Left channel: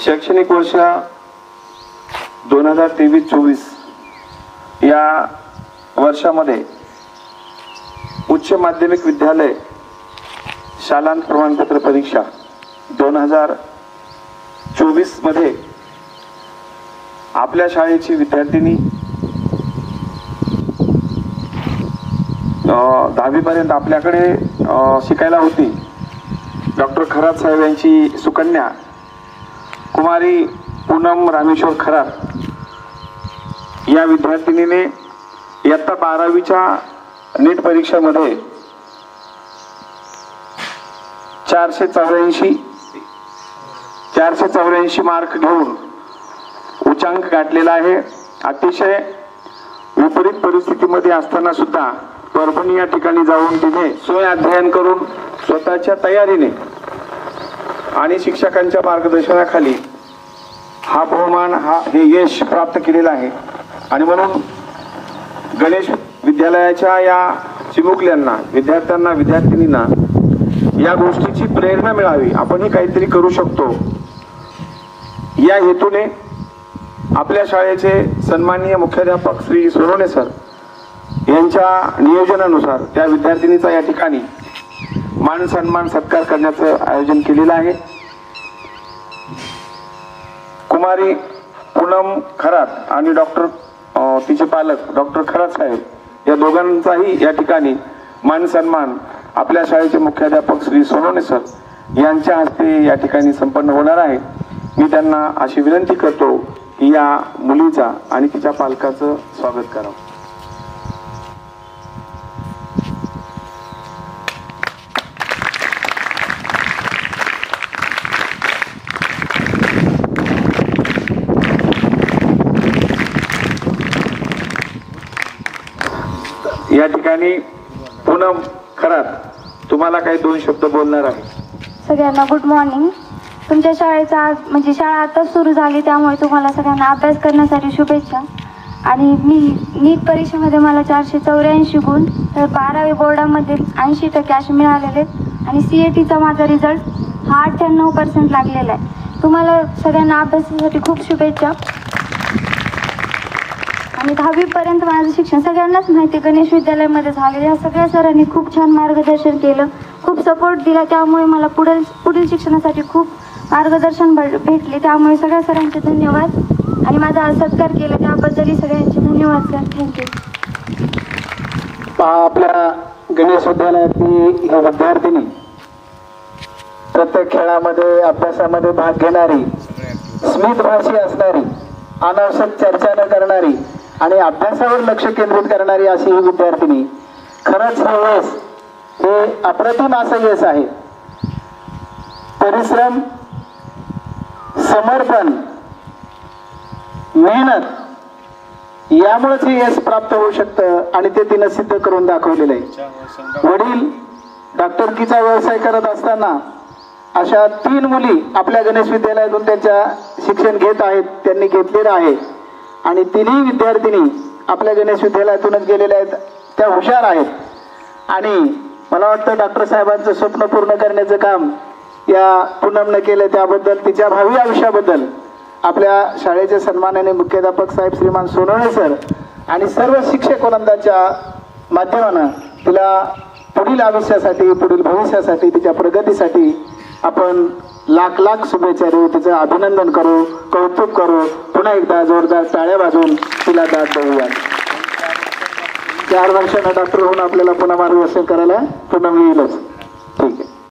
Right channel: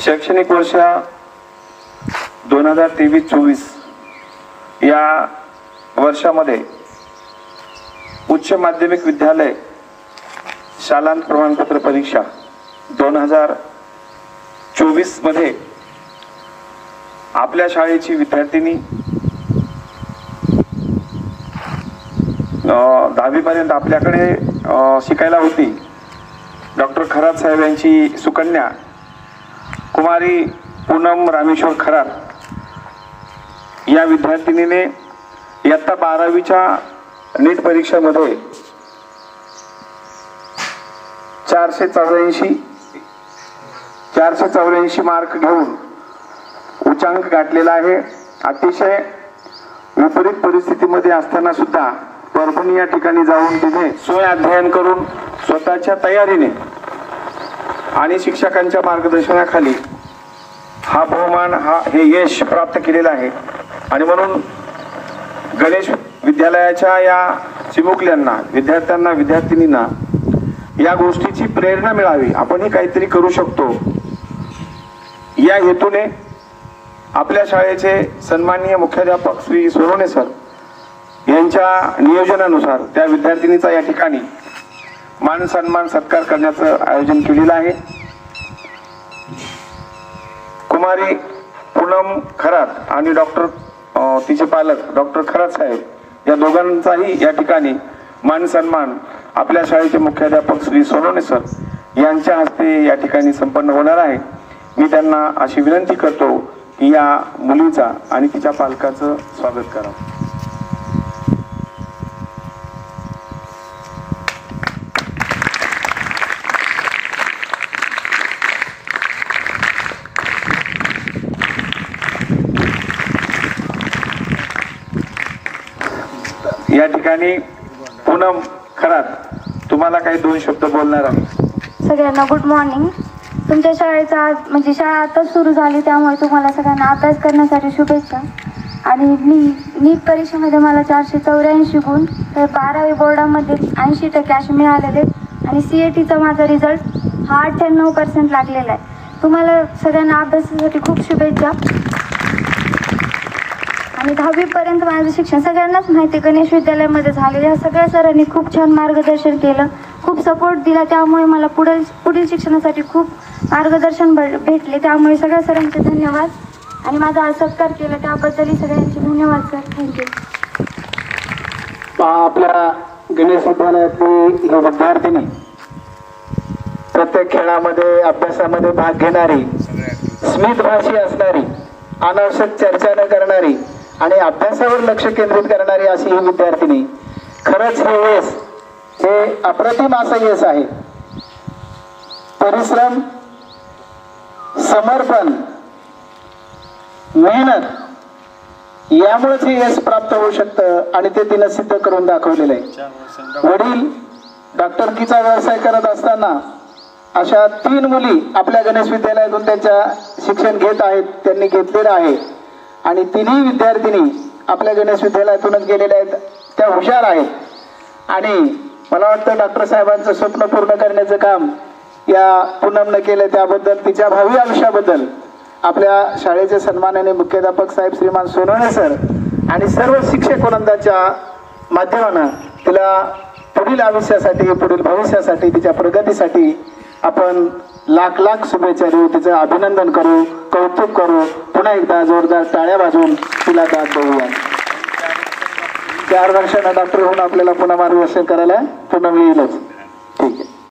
शैक्षणिक वर्ष 2023-24 या वर्षामध्ये उच्च माध्यमिक विद्यालय शालांत प्रमाणपत्र परीक्षा 2024 मध्ये आपल्या शाळेची विद्यार्थिनी 10वी पर्यंत आपल्याकडे शिकायला होती। डॉक्टर खरात साहेब यांची सुकन्या कुमारी पूनम रामेश्वर खरात या विद्यार्थिनीने इयत्ता 12वीच्या नीट परीक्षेमध्ये 484 मार्क घेऊन उच्चांक गाठलेला आहे। अतिशय विपरीत परिस्थितीमध्ये असताना सुद्धा परभणी या ठिकाणी जाऊन तिने स्वयं अध्ययन करून स्वतःच्या तयारीने आणि शिक्षकांच्या मार्गदर्शनाखाली हा बहुमान हे यश प्राप्त केलेला आहे। आणि म्हणून गणेश विद्यालयाच्या या चिमुकल्यांना विद्यार्थ्यांना विद्यार्थिनींना या गोष्टीची प्रेरणा मिळावी, आपणही काहीतरी करू शकतो या हेतूने आपल्या शाळेचे सन्माननीय मुख्याध्यापक श्री सोनवणे सर यांच्या नियोजनानुसार त्या विद्यार्थिनीचा या ठिकाणी मान सन्मान सत्कार करण्याचं आयोजन केलेलं आहे। कुमारी पूनम खरात आणि तिचे पालक डॉक्टर खरात साहेब या दोघांचाही या ठिकाणी मान सन्मान आपल्या शाळेचे मुख्याध्यापक श्री सोनवणे सर यांच्या हस्ते या ठिकाणी संपन्न होणार आहे। मी त्यांना अशी विनंती करतो की या मुलीचा आणि तिच्या पालकाचं स्वागत करा। या ठिकाणी पूनम खरात तुम्हाला काही 2 शब्द बोलणार आहे। सगळ्यांना गुड मॉर्निंग। तुमच्या शाळेचा आज शाळा आताच सुरू झाली, त्यामुळे तुम्हाला सगळ्यांना अभ्यास करण्यासाठी शुभेच्छा। आणि मी नीट परीक्षेमध्ये मला 484 गुण, तर 12वी बोर्डामध्ये 80% असे मिळालेले आणि CATचा माझा रिझल्ट हा 98% लागलेला आहे। तुम्हाला सगळ्यांना अभ्यासासाठी खूप शुभेच्छा। आणि 10वी पर्यंत माझं शिक्षण सगळ्यांनाच माहिती गणेश विद्यालयामध्ये झालेले। ह्या सगळ्या सरांनी खूप छान मार्गदर्शन केलं, खूप सपोर्ट दिला, त्यामुळे मला पुढील शिक्षणासाठी खूप मार्गदर्शन भेटले, त्यामुळे सगळ्या सरांचे धन्यवाद। आणि माझा आज सत्कार केला त्याबद्दलही सगळ्यांचे धन्यवाद सर, थँक्यू। आपल्या गणेश विद्यालयातील हे विद्यार्थिनी प्रत्येक खेळामध्ये अभ्यासामध्ये भाग घेणारी, स्मितभाषी असणारी, अनावश्यक चर्चा न करणारी आणि अभ्यासावर लक्ष केंद्रित करणारी अशी ही विद्यार्थिनी, खरंच हे यश हे अप्रतिम असं यश आहे। परिश्रम, समर्पण, मेहनत यामुळेच हे यश प्राप्त होऊ शकतं आणि ते तिनं सिद्ध करून दाखवलेलं आहे। वडील डॉक्टरकीचा व्यवसाय करत असताना अशा 3 मुली आपल्या गणेश विद्यालयातून त्यांच्या शिक्षण घेत आहेत, त्यांनी घेतलेलं आहे। आणि 3ही विद्यार्थिनी आपल्या गणेश विद्यालयातूनच गेलेल्या आहेत, त्या हुशार आहेत। आणि मला वाटतं डॉक्टर साहेबांचं स्वप्न पूर्ण करण्याचं काम या पूनमने केलं, त्याबद्दल तिच्या भावी आयुष्याबद्दल आपल्या शाळेचे सन्माननीय मुख्याध्यापक साहेब श्रीमान सोनवणे सर आणि सर्व शिक्षक वृंदाच्या माध्यमानं तिला पुढील आयुष्यासाठी, पुढील भविष्यासाठी, तिच्या प्रगतीसाठी आपण लाख शुभेच्छा देऊ, तिचं अभिनंदन करू, कौतुक करू, पुन्हा एकदा जोरदार टाळ्या वाजवून तिला दाद देऊया। 4 वर्षांना डॉक्टर होऊन आपल्याला पुन्हा मार्गदर्शन करायला पुन्हा येईलच। ठीक आहे।